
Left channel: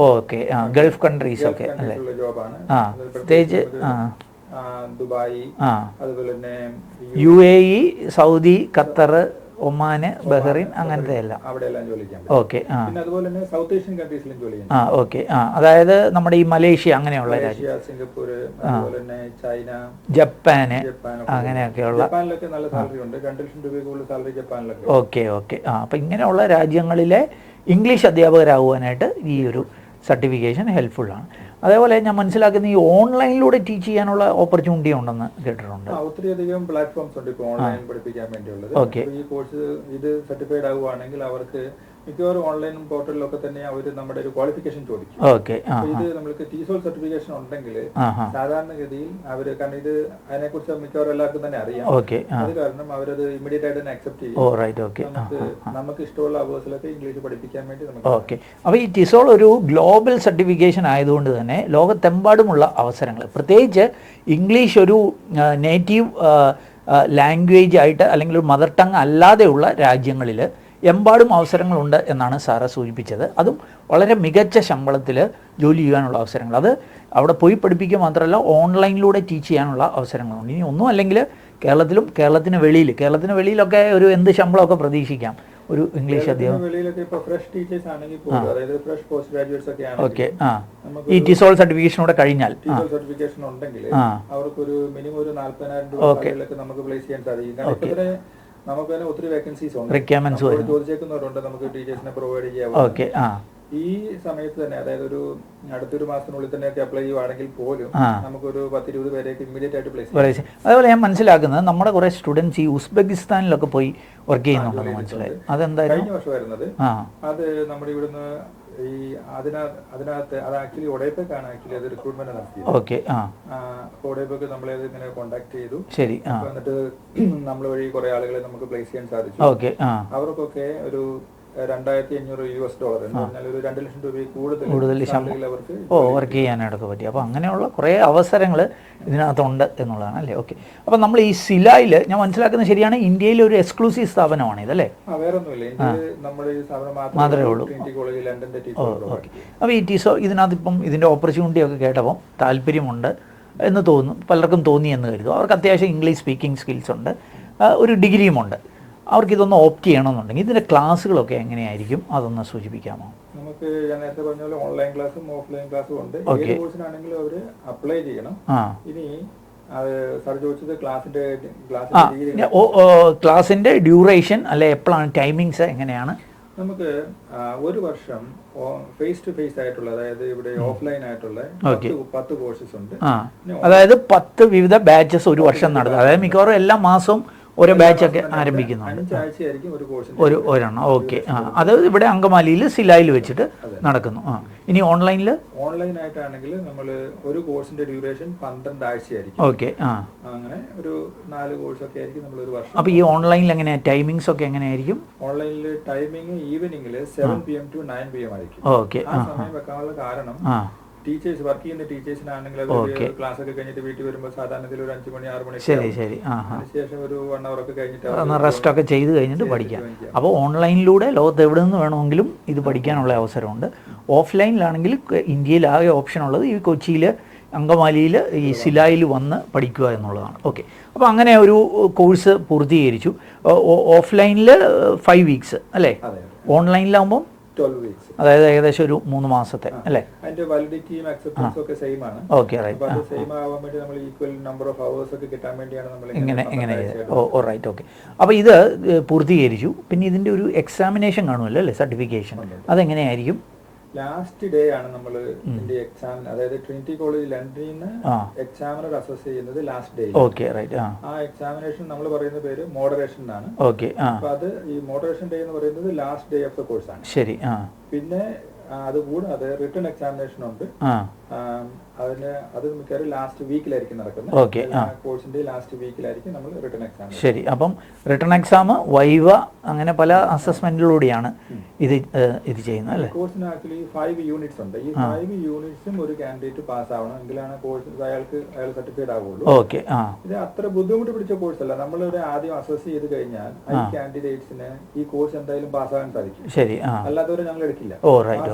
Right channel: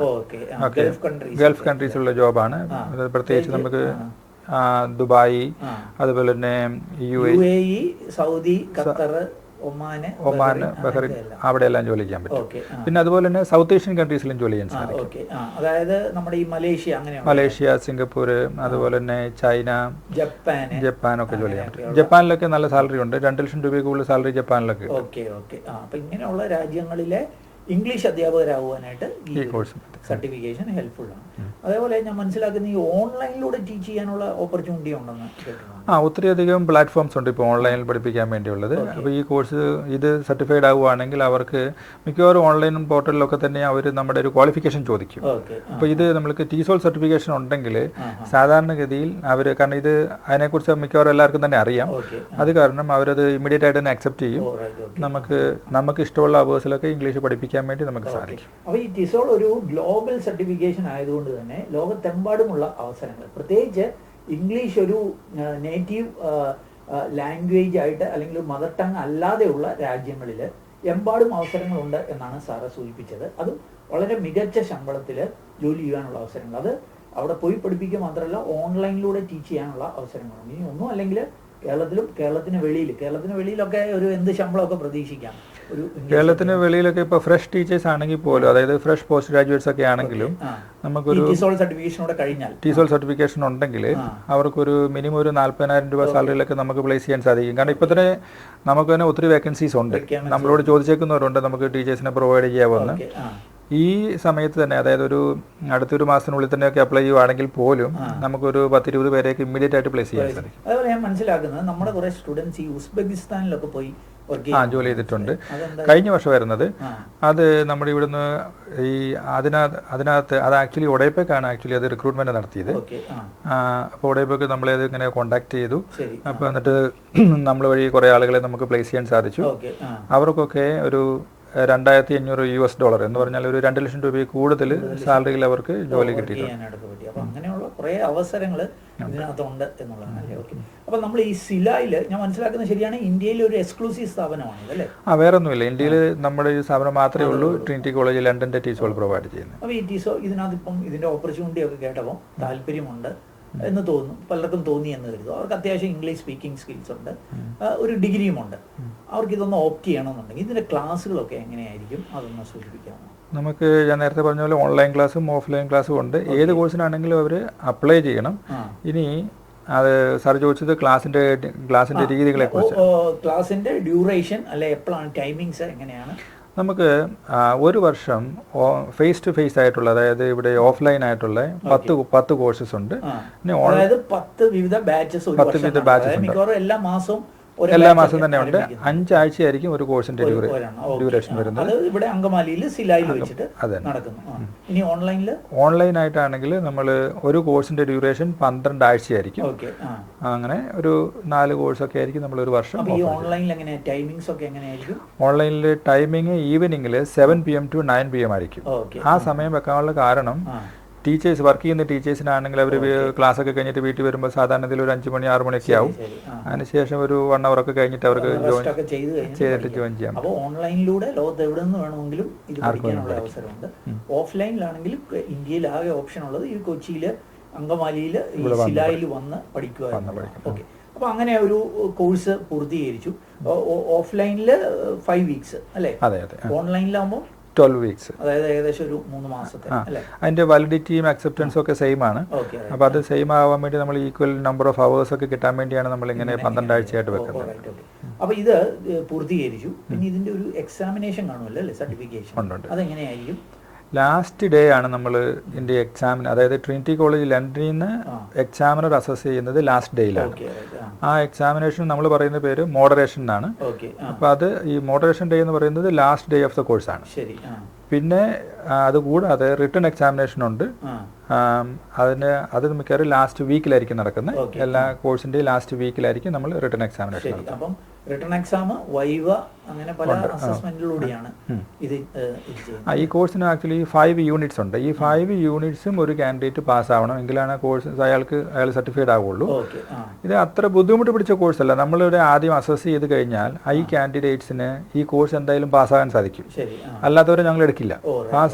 ഗൾഫ് കൺട്രീസിലുള്ള ജോബാണ്. പ്രത്യേകിച്ച് നമുക്ക് ദുബായ്, അതുപോലെ തന്നെ UAE, സൗദി, ഖത്തർ, ഒമാന്, ബഹ്റൈൻ, അവിടെയെല്ലാം ജോലി ചെയ്യാൻ പറ്റും. പിന്നെ അതുപോലെ തന്നെ സൗത്ത് ഏഷ്യൻ കൺട്രീസിലും ജോലി ചെയ്യാൻ. അതായത് നമ്മുടെ ഈ മലേഷ്യ, അങ്ങനെയുള്ള മലേഷ്യ, സിംഗപ്പൂർ, അതുപോലെ തന്നെ ചൈന, ജപ്പാനൊക്കെ. ജപ്പാനിലൊക്കെ നല്ല സാലറി ഉണ്ട്. 2 ലക്ഷം രൂപ കൂടുതൽ സാലറി ജപ്പാനിലൊക്കെ. അപ്പൊ ഇങ്ങനെയുള്ള രാജ്യങ്ങളിലെ ഇംഗ്ലീഷ് അധ്യാപകരാകുവാനായിട്ട് ഈ ഒരു സർട്ടിഫിക്കേഷൻ ഹെൽപ്ഫുൾ ആണ്. അതേപോലെ ഞാൻ മനസ്സിലാക്കുന്ന ഈ ഓൺലൈനിലൂടെ ടീച്ച് ചെയ്യാനുള്ള ഓപ്പർച്യൂണിറ്റി ഉണ്ടെന്ന് കേട്ടിട്ടുണ്ട്. ഒത്തിരിയധികം പ്ലാറ്റ്ഫോംസ് ഉണ്ട് ഇപ്പോൾ ഓൺലൈനിൽ പഠിപ്പിക്കാൻ വേണ്ടിയുള്ളത്. അപ്പോൾ ഈ കോഴ്സ് ഇത് സർട്ടിഫൈഡ് ആവുകയാണെങ്കിൽ അവർക്ക് മിക്കവാറും ഓൺലൈൻ പോർട്ടലിലൊക്കെ തന്നെ അവർ നമ്മുടെ ഒരു ക്വാളിഫിക്കേഷൻ ചോദിക്കും. അപ്പോൾ ഇത് നമ്മൾക്ക് TESOL സർട്ടിഫിക്കേഷൻ ഉണ്ടെങ്കിൽ സാധാരണഗതിയിൽ അവർ, കാരണം ഇത് അതിനെക്കുറിച്ച് മിക്കവാറും എല്ലാവർക്കും തന്നെ അറിയാം, അത് കാരണം അവരത് ഇമ്മീഡിയറ്റ് ആയിട്ട് തന്നെ അക്സെപ്റ്റ് ചെയ്യും. നമുക്ക് ഇഷ്ടമുള്ള അവേഴ്സിലൊക്കെ ഇംഗ്ലീഷ് പഠിപ്പിക്കാൻ വേണ്ടി നമുക്ക്. അപ്പോൾ ഈ TESOL ഒരു ഗ്ലോബൽ സർട്ടിഫിക്കേഷൻ ആയതുകൊണ്ട് തന്നെ ലോകത്തെമ്പാടുമുള്ള അവസരങ്ങൾ, പ്രത്യേകിച്ച് ഇംഗ്ലീഷ് ഒരു നേറ്റീവ് ലാംഗ്വേജ് ആയിട്ട് അല്ലെങ്കിൽ ഒരു മദർ ടങ് അല്ലാതെയുള്ള രാജ്യങ്ങളിൽ എമ്പാടും അവസരങ്ങളുണ്ട് എന്നാണ് സാറ് സൂചിപ്പിച്ചത്. അതും വളരെ മികച്ച ശമ്പളത്തിൽ ജോലി ചെയ്യാനുള്ള അവസരങ്ങൾ, അത് അവിടെ പോയി പഠിപ്പിക്കുക മാത്രമല്ല ഓൺലൈനിലൂടെ ടീച്ച് ചെയ്യാനുള്ള അവസരങ്ങളുണ്ട്. ഇനി ഒന്നും അല്ലെങ്കിൽ കേരളത്തിന് വെളിയിലൊക്കെ ഒരു എന്ത് ശമ്പളമൊക്കെ പ്രതീക്ഷിക്കാം. ഒരു കേരളത്തിന് വെളിയിലൊക്കെ ഇപ്പോൾ ഫ്രഷ് ടീച്ചേഴ്സ് ആണെങ്കിൽ പോലും, അതായത് ഫ്രഷ് പോസ്റ്റ് ഗ്രാജുവേറ്റ്സ് ഒക്കെ ആണെങ്കിൽ നമുക്ക് TESOL സർട്ടിഫിക്കേഷൻ കഴിഞ്ഞാൽ, TESOL സർട്ടിഫിക്കേഷൻ ഉണ്ടെങ്കിൽ അവർക്കൊരു മിനിമം ഒരു 40,000 രൂപ സാലറിയിലൊക്കെ നമുക്ക് പ്ലേസ് ചെയ്യാൻ സാധിക്കും. കാരണം ഇപ്പൊ തന്നെ നമുക്ക് തന്നെ ഒത്തിരി വേക്കൻസീസ് ഉണ്ട്. നമ്മളോട് ചോദിച്ചേക്കുന്നവരുണ്ട് നമുക്ക് ടീച്ചേഴ്സിനെ പ്രൊവൈഡ് ചെയ്യാവുന്ന. ഈ സമയത്ത് തന്നെ, അതായത് അടുത്തൊരു മാസത്തിനുള്ളിൽ തന്നെയൊക്കെ അപ്ലൈ ചെയ്യുവാണെങ്കിൽ പോലും നമുക്കൊരു 10-20 പേരെയൊക്കെ ഇമ്മീഡിയറ്റ് ആയിട്ട് പ്ലേസ് ചെയ്യാം. അതുപോലെ ഞാൻ മനസ്സിലാക്കുന്നത് നമ്മുടെ കുറെ സ്റ്റുഡൻസ് ഈ ഉസ്ബെക്കിസ്ഥാനിലൊക്കെ പോയി ജോലി ചെയ്തിട്ടുണ്ട്. കഴിഞ്ഞ വർഷം വരുന്നത് അത് നമ്മുടെ ഇവിടുന്ന് ഈ അതിനകത്ത് അത് ആക്ച്വലി ഒഡേപ്പക്കാണ് അത് റിക്രൂട്ട്മെന്റ് നടത്തിയത്. അപ്പോൾ ഒഡേപ്പക്ക് നമ്മളെ അത് ഇങ്ങനെ കോണ്ടാക്ട് ചെയ്തു. അപ്പൊ എന്നിട്ട് നമ്മൾ വഴി കുറെ ആളുകളെ നമുക്ക് പ്ലേസ് ചെയ്യാൻ സാധിച്ചു. അവർക്കൊക്കെ ഒരു $2,500 എന്ന് പറഞ്ഞാൽ ഒരു 2 ലക്ഷം രൂപ കൂടുതൽ സാലറിയിൽ അവർക്ക് വർക്ക് ചെയ്യാനായിട്ടൊക്കെ പറ്റി. അപ്പോൾ അങ്ങനെയുള്ള കുറേ അവസരങ്ങൾ ഇതിനകത്തുണ്ട് എന്നുള്ളതാണ് അല്ലേ? ഓക്കെ. അപ്പോൾ നമ്മൾ ഈ സിലായിൽ ഞാൻ മനസ്സിലാക്കുന്നത് ശരിയാണ്, ഇന്ത്യയിലെ ഒരു എക്സ്ക്ലൂസീവ് സ്ഥാപനമാണ് ഇതല്ലേ? വേറെ ഒന്നുമില്ല, ഇന്ത്യയിൽ നമ്മുടെ ഈ സ്ഥാപനം മാത്രമേ ഉള്ളൂ. ട്രിനിറ്റി കോളേജ് ലണ്ടന്റെ TESOL പ്രൊവൈഡ് ചെയ്യും. അപ്പോൾ ഈ TESOL ഇതിനകത്ത് ഇപ്പം ഇതിന്റെ ഓപ്പർച്യൂണിറ്റി ഒക്കെ കേട്ടപ്പോൾ താല്പര്യമുണ്ട് എന്ന് തോന്നുന്നു, പലർക്കും തോന്നി എന്ന് കരുതും. അവർക്ക് അത്യാവശ്യം ഇംഗ്ലീഷ് സ്പീക്കിംഗ് സ്കിൽസ് ഉണ്ട്, ഒരു ഡിഗ്രിയുമുണ്ട്. അവർക്ക് ഇതൊന്ന് ഓപ്റ്റ് ചെയ്യണമെന്നുണ്ടെങ്കിൽ ഇതിന്റെ ക്ലാസ്സുകളൊക്കെ എങ്ങനെയായിരിക്കും, അതൊന്ന് സൂചിപ്പിക്കാമോ? നമുക്ക് ഞാൻ നേരത്തെ പറഞ്ഞ പോലെ ഓൺലൈൻ ക്ലാസ്സും ഓഫ്ലൈൻ ക്ലാസ്സും ഉണ്ട്. ഏത് കോഴ്സിനാണെങ്കിലും അവർ അപ്ലൈ ചെയ്യണം. ഇനി അത് സാർ ചോദിച്ചത് ക്ലാസിന്റെ രീതികളെ, ക്ലാസിന്റെ ഡ്യൂറേഷൻ അല്ലെ എപ്പോഴാണ്, ടൈമിങ്സ് എങ്ങനെയാണ്? നമുക്ക് ഒരു വർഷം ഫേസ് ടു ഫേസ് ആയിട്ടുള്ള, അതായത് ഇവിടെ ഓഫ്ലൈൻ ആയിട്ടുള്ള 10 കോഴ്സസ് ഉണ്ട്. അതായത് 10 വിവിധ ബാച്ചസ് ഒരു വർഷം നടത്തും. അതായത് മിക്കവാറും എല്ലാ മാസവും 5 ആഴ്ചയായിരിക്കും ഒരു കോഴ്സിന്റെ അത് ഇവിടെ അങ്കമാലിയിൽ സിലായിൽ വെച്ചിട്ട് നടക്കുന്നു. ഇനി ഓൺലൈൻ ആയിട്ടാണെങ്കിൽ നമ്മൾ ഒരു കോഴ്സിന്റെ ഡ്യൂറേഷൻ 12 ആഴ്ചയായിരിക്കും. അങ്ങനെ ഒരു 4 കോഴ്സ് ഒക്കെ ആയിരിക്കും നമ്മൾ ഒരു വർഷം. അപ്പൊ ഈ ഓൺലൈനിൽ എങ്ങനെയാ ടൈമിങ്സ് ഒക്കെ എങ്ങനെയായിരിക്കും? ഓൺലൈനിൽ ടൈമിംഗ് ഈവനിങ്ങിൽ 7 PM to 9 PM ആയിരിക്കും. ആ സമയം വെക്കാനുള്ള കാരണം ടീച്ചേഴ്സ്, വർക്ക് ചെയ്യുന്ന ടീച്ചേഴ്സിനാണെങ്കിൽ അവർ ക്ലാസ് ഒക്കെ കഴിഞ്ഞിട്ട് വീട്ടിൽ വരുമ്പോൾ സാധാരണ ഒരു 5 മണി 6 മണിയൊക്കെ ആവും. അതിനുശേഷം ഒരു 1 hour ഒക്കെ കഴിഞ്ഞിട്ട് അവർക്ക് റെസ്റ്റ് ഒക്കെ ചെയ്ത് കഴിഞ്ഞിട്ട് പഠിക്കാം. അപ്പോൾ ഓൺലൈനിലൂടെ ലോകത്ത് എവിടെ നിന്ന് വേണമെങ്കിലും ഇത് പഠിക്കാനുള്ള അവസരമുണ്ട്. ഓഫ്ലൈനിലാണെങ്കിൽ ഇന്ത്യയിലാകെ ഓപ്ഷൻ ഉള്ളത് ഈ കൊച്ചിയിൽ അങ്കമാലിയിൽ ഈ സിലായിൽ വന്ന് പഠിക്കുക എന്നുള്ളതാണ്. ഓക്കെ. അപ്പോൾ അങ്ങനെ ഒരു കോഴ്സ് പൂർത്തീകരിച്ചു. ഓഫ്ലൈനിൽ 5 weeks അല്ലേ? ഓൺലൈനിലാകുമ്പോൾ 12 weeks, അതായത് ഏകദേശം ഒരു 3 മാസത്തെ അല്ലേ? അതിന്റെ വാലിഡിറ്റിയും അക്സെപ്റ്റൻസും ഒക്കെ സെയിം ആണ്. അപ്പൊ അത് സെയിം ആവാൻ വേണ്ടി നമ്മൾ ഈക്വൽ നമ്പർ ഓഫ് അവേഴ്സ് ഒക്കെ കിട്ടാൻ വേണ്ടിയാണ് നമ്മൾ ഇങ്ങനെ 12 ആഴ്ചയായിട്ട്. അപ്പൊ ഇത് പൂർത്തീകരിച്ചു. പിന്നെ ഇതിന്റെ ഒരു എക്സാമിനേഷൻ കാണുമല്ലോ അല്ലേ, സർട്ടിഫിക്കേഷൻ, അതെങ്ങനെയായിരിക്കും? ലാസ്റ്റ് ഡേ ആണ് നമ്മൾ ഇതിന്റെ എക്സാമിന്, അതായത് ട്രിനിറ്റി കോളേജ് ലണ്ടനിൽ നിന്ന് എക്സാമിനർ അസസ് ചെയ്യുന്നത് ലാസ്റ്റ് ഡേയിലാണ്. ആ എക്സാമിനേഷൻ നമ്മൾ പറയുന്ന പേര് മോഡറേഷൻ എന്നാണ്. അപ്പൊ അത് ഈ മോഡറേഷൻ ഡേ എന്ന് പറയുന്നത് last day of the course ആണ്. ശരി. പിന്നെ അതുകൂടാതെ റിട്ടൺ എക്സാമിനേഷൻ ഉണ്ട്. അത് മിക്കവാറും ലാസ്റ്റ് വീക്കിലായിരിക്കും നടക്കുന്നത്. എല്ലാ കോഴ്സിന്റെ ലാസ്റ്റ് വീക്കിലായിരിക്കും നമ്മൾ റിട്ടൺ എക്സാമിനേഷൻ. ശരി. അപ്പം റിട്ടൺ എക്സാം, വൈവ, അങ്ങനെ പല അസസ്മെന്റിലൂടെയാണ് ഇത് ചെയ്യുന്നത്. ഈ കോഴ്സിന് ആക്ച്വലി 5 യൂണിറ്റ്സ് ഉണ്ട്. ഈ 5 യൂണിറ്റ്സും ഒരു കാൻഡിഡേറ്റ് പാസ് ആവണം, എങ്കിലാണ് കോഴ്സ് അയാൾ സർട്ടിഫൈഡ് ആവുള്ളൂ. ഇത് അത്ര ബുദ്ധിമുട്ട് പിടിച്ച കോഴ്സ് അല്ല. നമ്മളിവിടെ ആദ്യം അസസ് ചെയ്ത് കഴിഞ്ഞാൽ ഈ കാൻഡിഡേറ്റ്സിന് ഈ കോഴ്സ് എന്തായാലും പാസ്സാകാൻ സാധിക്കും. ശരി. അല്ലാത്തവരെ ഞങ്ങൾ എടുക്കില്ല.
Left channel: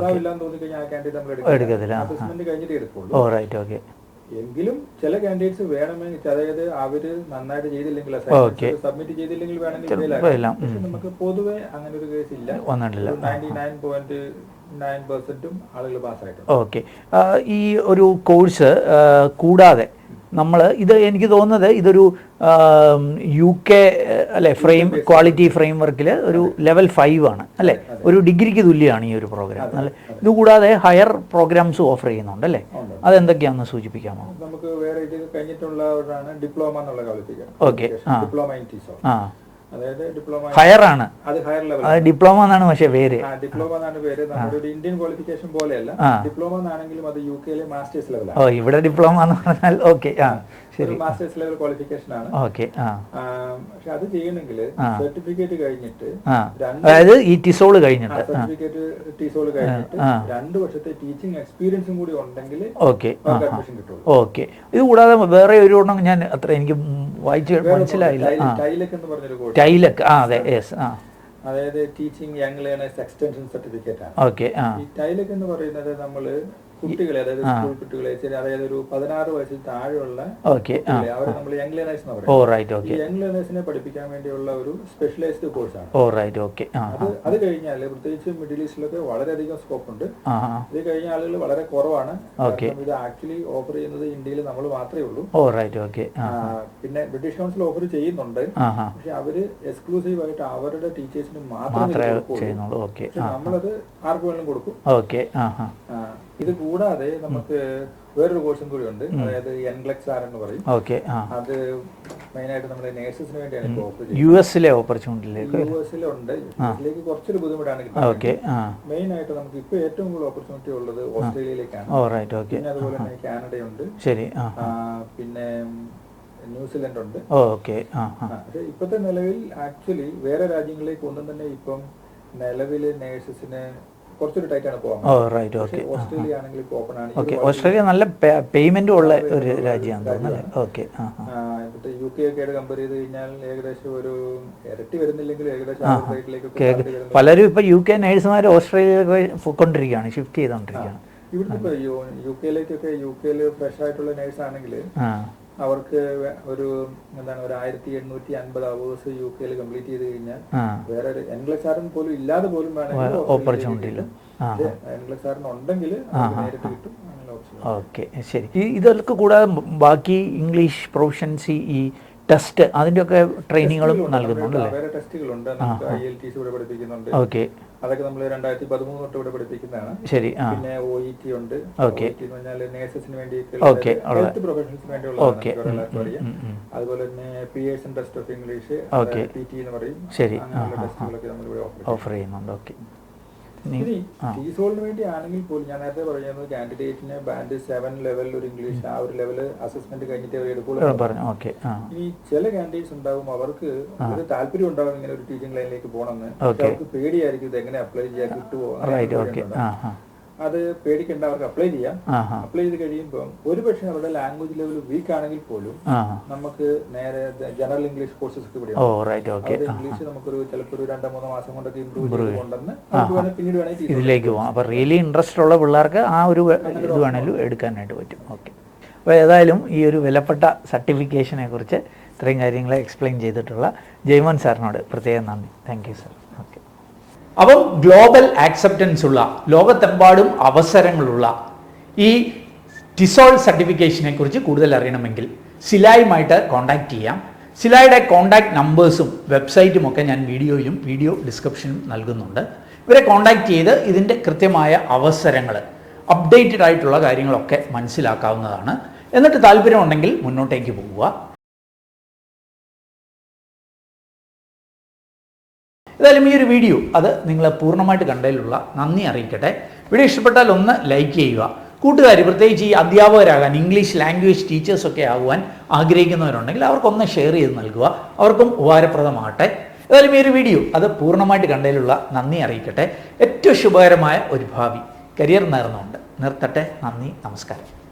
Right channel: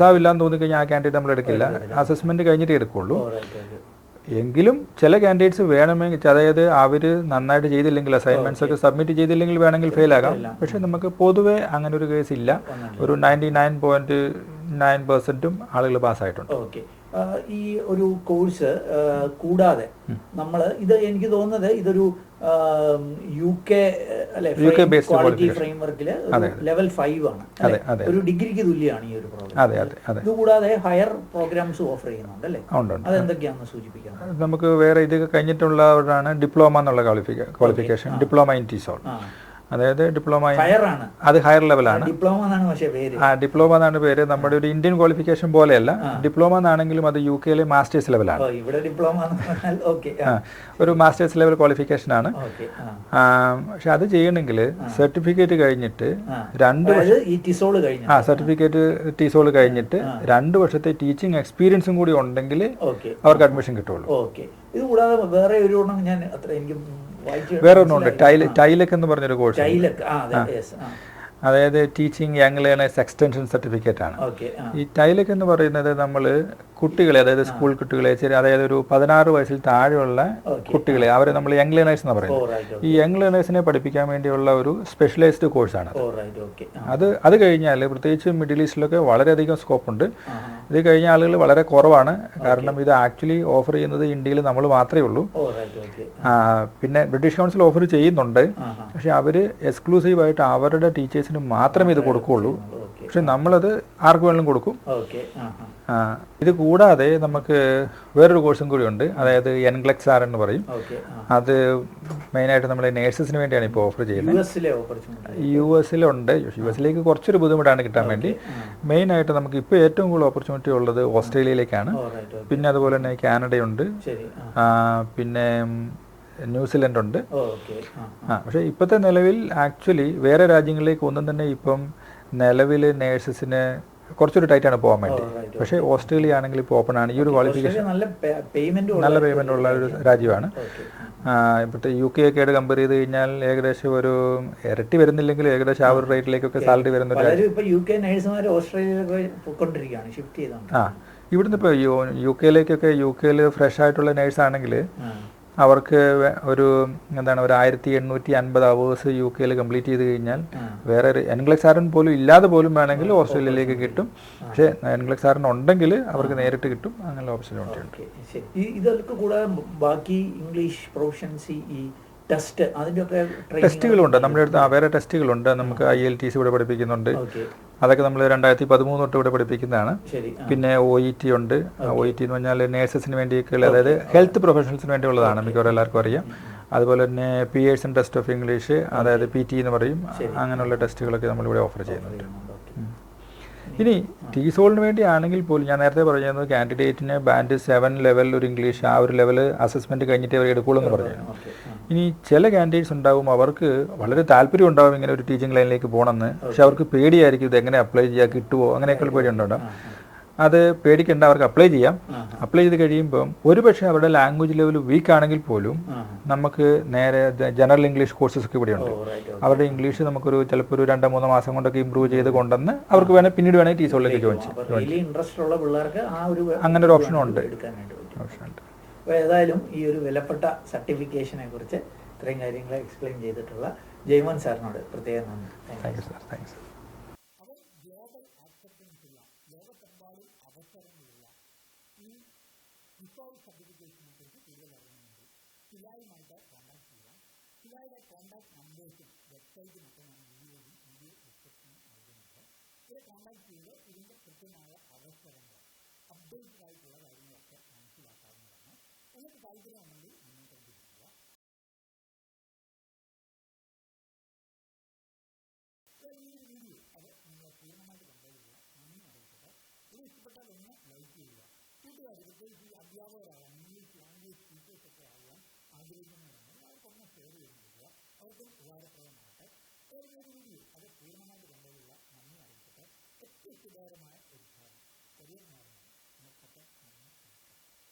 പാസ്സാവില്ലാന്ന് തോന്നിക്കഴിഞ്ഞാൽ ആ കാൻഡിഡേറ്റ് നമ്മൾ എടുക്കില്ല. അസസ്മെന്റ് കഴിഞ്ഞിട്ട് എടുക്കുള്ളൂ. എങ്കിലും ചില കാൻഡിഡേറ്റ്സ് വേണമെങ്കിൽ, അതായത് അവര് നന്നായിട്ട് ചെയ്തില്ലെങ്കിൽ, അസൈൻമെന്റ്സ് ഒക്കെ സബ്മിറ്റ് ചെയ്തില്ലെങ്കിൽ വേണമെങ്കിൽ ഫെയിൽ ആകാം. പക്ഷെ നമുക്ക് പൊതുവെ അങ്ങനെ ഒരു കേസ് ഇല്ല. ഒരു 99.9% ആളുകൾ പാസ്സായിട്ടുണ്ട്. ഓക്കെ. ഈ ഒരു കോഴ്സ് കൂടാതെ നമ്മൾ ഇത്, എനിക്ക് തോന്നുന്നത് ഇതൊരു UK അല്ലെ ക്വാളിറ്റി ഫ്രെയിംവർക്കിൽ ഒരു ലെവൽ 5 ആണ് അല്ലെ, ഒരു ഡിഗ്രിക്ക് തുല്യമാണ് ഈ ഒരു പ്രോഗ്രാം. ഇത് കൂടാതെ ഹയർ പ്രോഗ്രാംസ് ഓഫർ ചെയ്യുന്നുണ്ട് അല്ലേ? അതെന്തൊക്കെയാണെന്ന് സൂചിപ്പിക്കാം. നമുക്ക് വേറെ ഇത് കഴിഞ്ഞിട്ടുള്ളവരാണ് ഡിപ്ലോമ എന്നുള്ള ക്വാളിഫിക്കേഷൻ, ഡിപ്ലോമ ഇൻ ടിസോൾ. അതായത് ഡിപ്ലോമ ഹയർ ആണ്, അത് ഹയർ ലെവലാണ്. ഡിപ്ലോമ എന്നാണ് പക്ഷേ പേര്. ഡിപ്ലോമ എന്നാണ് പേര്. നമ്മുടെ ഒരു ഇന്ത്യൻ ക്വാളിഫിക്കേഷൻ പോലെയല്ല. ഡിപ്ലോമ എന്നാണെങ്കിലും അത് UK മാസ്റ്റേഴ്സ് ലെവലാണ്. ഇവിടെ ഡിപ്ലോമ എന്ന് പറഞ്ഞാൽ ഒരു മാസ്റ്റേഴ്സ് ലെവൽ ക്വാളിഫിക്കേഷൻ ആണ്. പക്ഷെ അത് ചെയ്യണമെങ്കിൽ സർട്ടിഫിക്കറ്റ് കഴിഞ്ഞിട്ട് സർട്ടിഫിക്കറ്റ് ടിസോൾ കഴിഞ്ഞിട്ട് 2 വർഷത്തെ ടീച്ചിങ് എക്സ്പീരിയൻസും കൂടി ഉണ്ടെങ്കിൽ അവർക്ക് അഡ്മിഷൻ കിട്ടുള്ളൂ. ഓക്കെ. ഇത് കൂടാതെ വേറെ ഒരു ഞാൻ അത്ര എനിക്ക് ടൈലക് എന്ന് പറഞ്ഞൊരു കോഴ്സ്. അതായത് teaching young learners extension certificate ആണ്. ഈ ടൈലക് എന്ന് പറയുന്നത് നമ്മൾ കുട്ടികളെ, അതായത് സ്കൂൾ കുട്ടികളെ, അതായത് ഒരു 16 വയസ്സിൽ താഴെയുള്ള കുട്ടികളെ, അവരെ നമ്മൾ യങ് ലേണേഴ്സ് എന്ന് പറയുന്നത്. ഈ യങ് ലേണേഴ്സിനെ പഠിപ്പിക്കാൻ വേണ്ടിയുള്ള ഒരു സ്പെഷ്യലൈസ്ഡ് കോഴ്സാണ്. അത് കഴിഞ്ഞാൽ പ്രത്യേകിച്ച് മിഡിൽ ഈസ്റ്റിലൊക്കെ വളരെയധികം സ്കോപ്പ് ഉണ്ട്. ഇത് കഴിഞ്ഞ ആളുകൾ വളരെ കുറവാണ്. കാരണം ഇത് ആക്ച്വലി ഓഫർ ചെയ്യുന്നത് ഇന്ത്യയിൽ നമ്മൾ മാത്രമേ ഉള്ളൂ. പിന്നെ ബ്രിട്ടീഷ് കൗൺസിൽ ഓഫർ ചെയ്യുന്നുണ്ട്. പക്ഷെ അവര് എക്സ്ക്ലൂസീവ് ആയിട്ട് അവരുടെ ടീച്ചേഴ്സിന് മാത്രമേ ഇത് കൊടുക്കുള്ളൂ. പക്ഷെ നമ്മളത് ആർക്ക് വേണമെങ്കിലും കൊടുക്കും. ഇത് കൂടാതെ നമുക്ക് വേറൊരു കോഴ്സും കൂടി ഉണ്ട്. അതായത് NCLEX-R എന്ന് പറയും. അത് മെയിനായിട്ട് നമ്മൾ നേഴ്സസിന് വേണ്ടിയാണ് ഇപ്പോൾ ഓഫർ ചെയ്യുന്നത്. യുഎസിലുണ്ട്. യുഎസിലേക്ക് കുറച്ചൊരു ബുദ്ധിമുട്ടാണ് കിട്ടാൻ വേണ്ടി. മെയിനായിട്ട് നമുക്ക് ഇപ്പോൾ ഏറ്റവും കൂടുതൽ ഓപ്പർച്യൂണിറ്റി ഉള്ളത് ഓസ്ട്രേലിയയിലേക്കാണ്. പിന്നെ അതുപോലെ തന്നെ കാനഡയുണ്ട്, പിന്നെ ന്യൂസിലൻഡ് ഉണ്ട്. പക്ഷെ ഇപ്പോഴത്തെ നിലവിൽ ആക്ച്വലി വേറെ രാജ്യങ്ങളിലേക്ക് ഒന്നും തന്നെ ഇപ്പം നിലവിൽ നേഴ്സസിന് കുറച്ചൊരു ടൈറ്റ് ആണ് പോകാൻ വേണ്ടി. പക്ഷേ ഓസ്ട്രേലിയ ആണെങ്കിൽ ഇപ്പോൾ ഓപ്പൺ ആണ്. ഈ ഒരു നല്ല പേയ്മെന്റ് ഉള്ള രാജ്യമാണ്. ഇപ്പോഴത്തെ UK ഒക്കെ ആയിട്ട് കമ്പയർ ചെയ്ത് കഴിഞ്ഞാൽ ഏകദേശം ഒരു ഇരട്ടി വരുന്നില്ലെങ്കിൽ ഏകദേശം ആ ഒരു റേറ്റിലേക്കൊക്കെ സാലറി വരുന്നത്. പലരും ഇപ്പൊ UK നേഴ്സുമാർ ഓസ്ട്രേലിയയിലേക്ക് പോയിക്കൊണ്ടിരിക്കുകയാണ്, ഷിഫ്റ്റ് ചെയ്തോണ്ടിരിക്കുകയാണ്. ഇവിടുന്ന് ഇപ്പോൾ UK ഫ്രഷ് ആയിട്ടുള്ള നേഴ്സ് ആണെങ്കിൽ അവർക്ക് ഒരു എന്താണ് ഒരു 1850 അവേഴ്സ് UK കംപ്ലീറ്റ് ചെയ്ത് കഴിഞ്ഞാൽ വേറെ NCLEX-R പോലും ഇല്ലാതെ പോലും വേണമെങ്കിൽ ഓസ്ട്രേലിയയിലേക്ക് കിട്ടും. പക്ഷെ NCLEX-R ഉണ്ടെങ്കിൽ അവർക്ക് നേരിട്ട് കിട്ടും. അങ്ങനെ ഓപ്ഷൻ. ശരി. ഇതൊക്കെ കൂടാതെ ബാക്കി ഇംഗ്ലീഷ് പ്രൊഫഷൻസി, ഈ ടെസ്റ്റ്, അതിൻ്റെയൊക്കെ ട്രെയിനിങ്ങുകളുണ്ട്. നമ്മുടെ അടുത്ത് വേറെ ടെസ്റ്റുകളുണ്ട്. നമുക്ക് IELTS ഇവിടെ പഠിപ്പിക്കുന്നുണ്ട്. അതൊക്കെ നമ്മൾ 2013 തൊട്ട് ഇവിടെ പഠിപ്പിക്കുന്നതാണ്. പിന്നെ OET ഉണ്ട്. OET എന്ന് പറഞ്ഞാൽ നേഴ്സസിന് വേണ്ടിയൊക്കെയുള്ള, അതായത് ഹെൽത്ത് പ്രൊഫഷണൽസിന് വേണ്ടിയുള്ളതാണ്. മിക്കവാറും എല്ലാവർക്കും അറിയാം. അതുപോലെ തന്നെ പിയേഴ്സൺ ടെസ്റ്റ് ഓഫ് ഇംഗ്ലീഷ്, അതായത് PT എന്ന് പറയും. അങ്ങനെയുള്ള ടെസ്റ്റുകളൊക്കെ നമ്മളിവിടെ ഓഫർ ചെയ്യുന്നുണ്ട്. ഇനി ടിസോളിന് വേണ്ടി ആണെങ്കിൽ പോലും ഞാൻ നേരത്തെ പറഞ്ഞത് കാൻഡിഡേറ്റിന് ബാൻഡ് 7 ലെവൽ ഒരു ഇംഗ്ലീഷ്, ആ ഒരു ലെവല് അസസ്മെന്റ് കഴിഞ്ഞിട്ട് അവർ എടുക്കുള്ളൂ എന്ന് പറഞ്ഞു. ഇനി ചില കാൻഡിഡേറ്റ്സ് ഉണ്ടാവും, അവർക്ക് വളരെ താല്പര്യം ഉണ്ടാവും ഇങ്ങനെ ഒരു ടീച്ചിങ് ലൈനിലേക്ക് പോകണമെന്ന്. പക്ഷെ അവർക്ക് പേടിയായിരിക്കും ഇത് എങ്ങനെ അപ്ലൈ ചെയ്യാൻ കിട്ടുമോ, അങ്ങനെയൊക്കെ ഒരു പേടിയുണ്ടോ. അത് പേടിക്കേണ്ട, അവർക്ക് അപ്ലൈ ചെയ്യാം. അപ്ലൈ ചെയ്ത് കഴിയുമ്പോൾ ഒരുപക്ഷെ അവരുടെ ലാംഗ്വേജ് ലെവൽ വീക്ക് ആണെങ്കിൽ പോലും നമുക്ക് നേരെ ജനറൽ ഇംഗ്ലീഷ് കോഴ്സസ് ഒക്കെ ഇവിടെ ഉണ്ട്. അവരുടെ ഇംഗ്ലീഷ് നമുക്കൊരു ചിലപ്പോൾ ഒരു 2-3 മാസം കൊണ്ടൊക്കെ ഇമ്പ്രൂവ് ചെയ്ത് കൊണ്ടുവന്ന് അവർക്ക് വേണമെങ്കിൽ പിന്നീട് റിയലി ഇൻട്രസ്റ്റ് ഉള്ള പിള്ളേർക്ക് ആ ഒരു അങ്ങനെ ഒരു ഓപ്ഷൻ എടുക്കാനായിട്ട് പറ്റും. അപ്പോൾ ഏതായാലും ഈ ഒരു വിലപ്പെട്ട സർട്ടിഫിക്കേഷനെ കുറിച്ച് ഇത്രയും കാര്യങ്ങൾ എക്സ്പ്ലെയിൻ ചെയ്തിട്ടുള്ള ജയ്മോൻ സാറിനോട് പ്രത്യേകം നന്ദി. Thank you sir. അപ്പം ഗ്ലോബൽ ആക്സെപ്റ്റൻസ് ഉള്ള, ലോകത്തെമ്പാടും അവസരങ്ങളുള്ള ഈ ടിസോൾ സർട്ടിഫിക്കേഷനെ കുറിച്ച് കൂടുതൽ അറിയണമെങ്കിൽ സിലായുമായിട്ട് കോൺടാക്ട് ചെയ്യാം. സിലായുടെ കോൺടാക്ട് നമ്പേഴ്സും വെബ്സൈറ്റും ഒക്കെ ഞാൻ വീഡിയോ ഡിസ്ക്രിപ്ഷനും നൽകുന്നുണ്ട്. ഇവരെ കോൺടാക്ട് ചെയ്ത് ഇതിൻ്റെ കൃത്യമായ അവസരങ്ങൾ, അപ്ഡേറ്റഡ് ആയിട്ടുള്ള കാര്യങ്ങളൊക്കെ മനസ്സിലാക്കാവുന്നതാണ്. എന്നിട്ട് താല്പര്യമുണ്ടെങ്കിൽ മുന്നോട്ടേക്ക് പോവുക. ഏതായാലും ഈ ഒരു വീഡിയോ അത് നിങ്ങൾ പൂർണ്ണമായിട്ട് കണ്ടതിലുള്ള നന്ദി അറിയിക്കട്ടെ. വീഡിയോ ഇഷ്ടപ്പെട്ടാൽ ഒന്ന് ലൈക്ക് ചെയ്യുക. കൂട്ടുകാർ, പ്രത്യേകിച്ച് ഈ അധ്യാപകരാകാൻ, ഇംഗ്ലീഷ് ലാംഗ്വേജ് ടീച്ചേഴ്സൊക്കെ ആകുവാൻ ആഗ്രഹിക്കുന്നവരുണ്ടെങ്കിൽ അവർക്കൊന്ന് ഷെയർ ചെയ്ത് നൽകുക, അവർക്കും ഉപകാരപ്രദമാകട്ടെ. ഏതായാലും ഈ ഒരു വീഡിയോ അത് പൂർണ്ണമായിട്ട് കണ്ടതിലുള്ള നന്ദി അറിയിക്കട്ടെ. ഏറ്റവും ശുഭകരമായ ഒരു ഭാവി കരിയർ നേർന്നുകൊണ്ട് നിർത്തട്ടെ. നന്ദി, നമസ്കാരം.